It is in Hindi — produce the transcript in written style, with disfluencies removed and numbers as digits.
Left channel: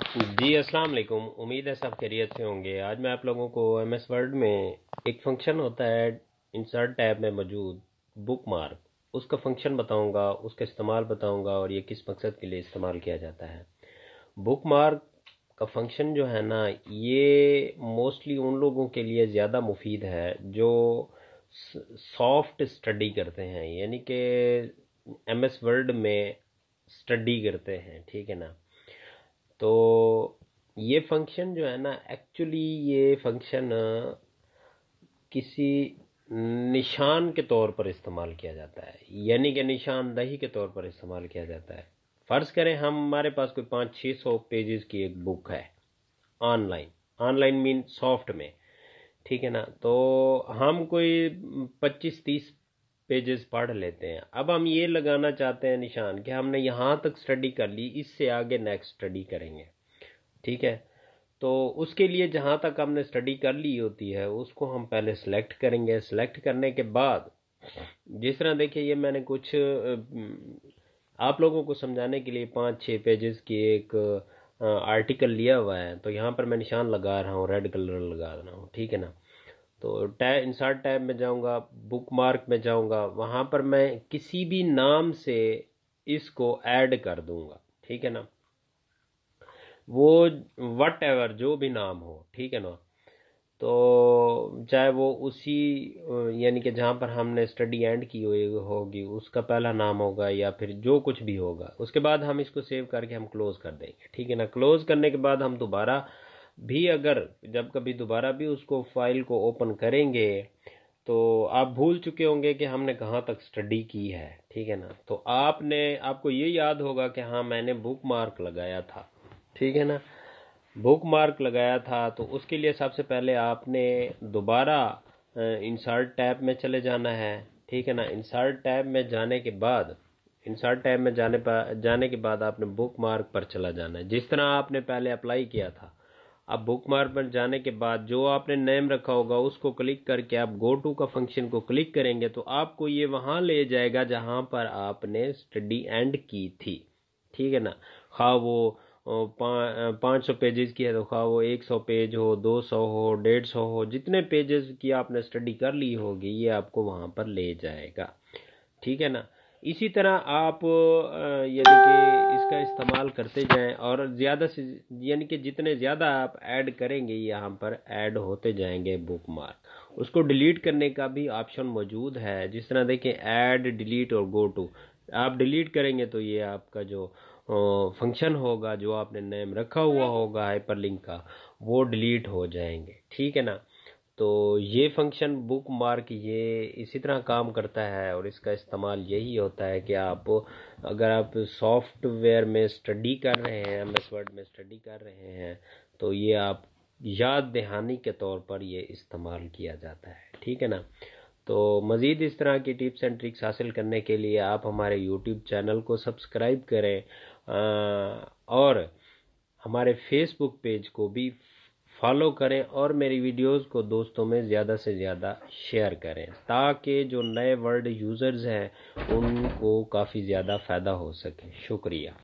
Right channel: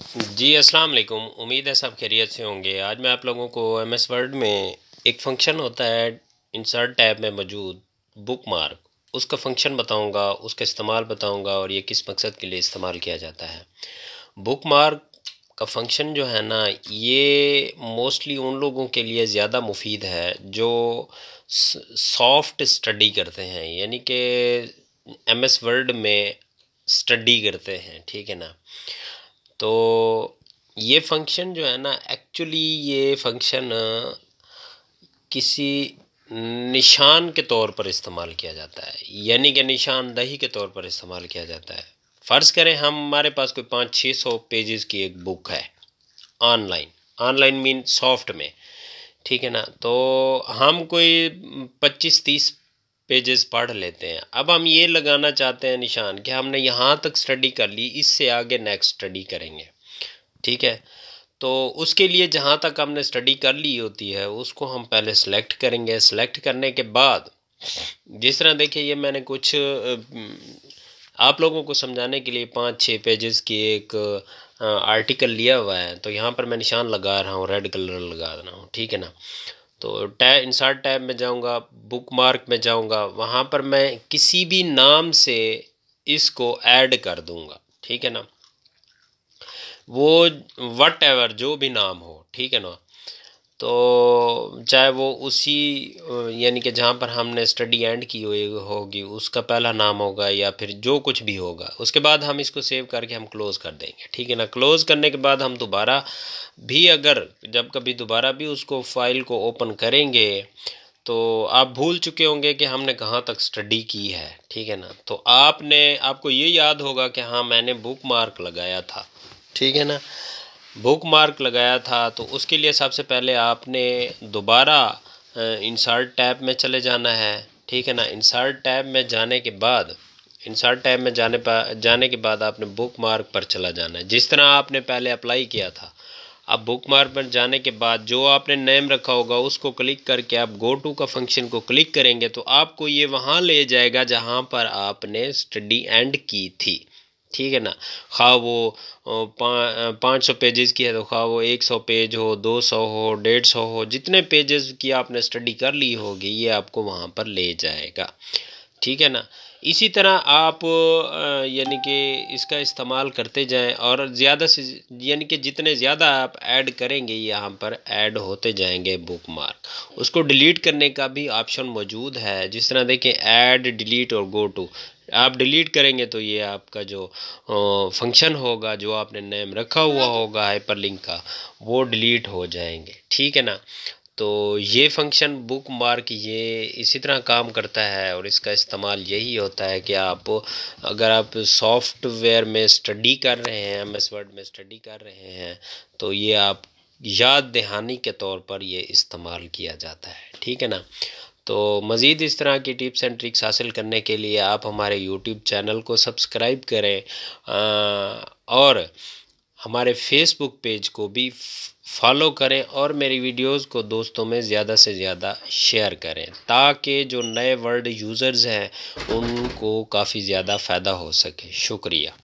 जी, अस्सलाम वालेकुम। उम्मीद है सब खैरियत से होंगे। आज मैं आप लोगों को एमएस वर्ड में एक फ़ंक्शन होता है इंसर्ट टैब में मौजूद बुक मार्क, उसका फ़ंक्शन बताऊंगा, उसका इस्तेमाल बताऊंगा और ये किस मकसद के लिए इस्तेमाल किया जाता है। बुक मार्क का फ़ंक्शन जो है ना, ये मोस्टली उन लोगों के लिए ज़्यादा मुफीद है जो सॉफ्ट स्टडी करते हैं, यानी कि एमएस वर्ड में स्टडी करते हैं, ठीक है ना। तो ये फंक्शन जो है ना, एक्चुअली ये फंक्शन किसी निशान के तौर पर इस्तेमाल किया जाता है, यानी कि निशानदही के तौर पर इस्तेमाल किया जाता है। फ़र्ज़ करें हमारे पास कोई 500-600 पेजेस की एक बुक है ऑनलाइन। ऑनलाइन मीन सॉफ्ट में, ठीक है ना। तो हम कोई 25-30 पेजेस पढ़ लेते हैं। अब हम ये लगाना चाहते हैं निशान कि हमने यहाँ तक स्टडी कर ली, इससे आगे नेक्स्ट स्टडी करेंगे, ठीक है। तो उसके लिए जहाँ तक हमने स्टडी कर ली होती है उसको हम पहले सेलेक्ट करेंगे। सेलेक्ट करने के बाद जिस तरह देखिए, ये मैंने कुछ आप लोगों को समझाने के लिए 5-6 पेजेस की एक आर्टिकल लिया हुआ है। तो यहाँ पर मैं निशान लगा रहा हूँ, रेड कलर लगा रहा हूँ, ठीक है ना। तो टैब इंसर्ट टैब में जाऊँगा, बुक मार्क में जाऊँगा, वहाँ पर मैं किसी भी नाम से इसको ऐड कर दूँगा, ठीक है ना। वो वट एवर जो भी नाम हो, ठीक है ना। तो चाहे वो उसी यानी कि जहाँ पर हमने स्टडी एंड की हुई होगी उसका पहला नाम होगा, या फिर जो कुछ भी होगा। उसके बाद हम इसको सेव करके हम क्लोज़ कर देंगे, ठीक है ना। क्लोज़ करने के बाद हम दोबारा भी, अगर जब कभी दोबारा भी उसको फाइल को ओपन करेंगे तो आप भूल चुके होंगे कि हमने कहाँ तक स्टडी की है, ठीक है ना। तो आपको ये याद होगा कि हाँ, मैंने बुक मार्क लगाया था, ठीक है ना। बुक मार्क लगाया था तो उसके लिए सबसे पहले आपने दोबारा इंसर्ट टैब में चले जाना है, ठीक है ना। इंसर्ट टैब में जाने के बाद, इंसर्ट टैब में जाने के बाद आपने बुक मार्क पर चला जाना है, जिस तरह आपने पहले अप्लाई किया था। अब बुक मार्क पर जाने के बाद जो आपने नेम रखा होगा उसको क्लिक करके आप गो टू का फंक्शन को क्लिक करेंगे तो आपको ये वहाँ ले जाएगा जहाँ पर आपने स्टडी एंड की थी, ठीक है ना। खा वो 500 पेजेस की है तो खा वो 100 पेज हो, 200 हो, 150 हो, जितने पेजेस की आपने स्टडी कर ली होगी ये आपको वहाँ पर ले जाएगा, ठीक है ना। इसी तरह आप यानी कि इसका इस्तेमाल करते जाएं और ज़्यादा से यानी कि जितने ज़्यादा आप ऐड करेंगे यहाँ पर ऐड होते जाएंगे बुक मार्क। उसको डिलीट करने का भी ऑप्शन मौजूद है, जिस तरह देखें ऐड, डिलीट और गो टू। आप डिलीट करेंगे तो ये आपका जो फंक्शन होगा, जो आपने नेम रखा हुआ होगा हाइपरलिंक का, वो डिलीट हो जाएंगे, ठीक है ना। तो ये फंक्शन बुक मार्क ये इसी तरह काम करता है और इसका इस्तेमाल यही होता है कि अगर आप सॉफ्टवेयर में स्टडी कर रहे हैं, एमएस वर्ड में स्टडी कर रहे हैं, तो ये आप याद दहानी के तौर पर ये इस्तेमाल किया जाता है, ठीक है ना। तो मज़ीद इस तरह की टिप्स एंड ट्रिक्स हासिल करने के लिए आप हमारे यूट्यूब चैनल को सब्सक्राइब करें और हमारे फेसबुक पेज को भी फॉलो करें और मेरी वीडियोस को दोस्तों में ज़्यादा से ज़्यादा शेयर करें, ताकि जो नए वर्ड यूज़र्स हैं उनको काफ़ी ज़्यादा फ़ायदा हो सके। शुक्रिया।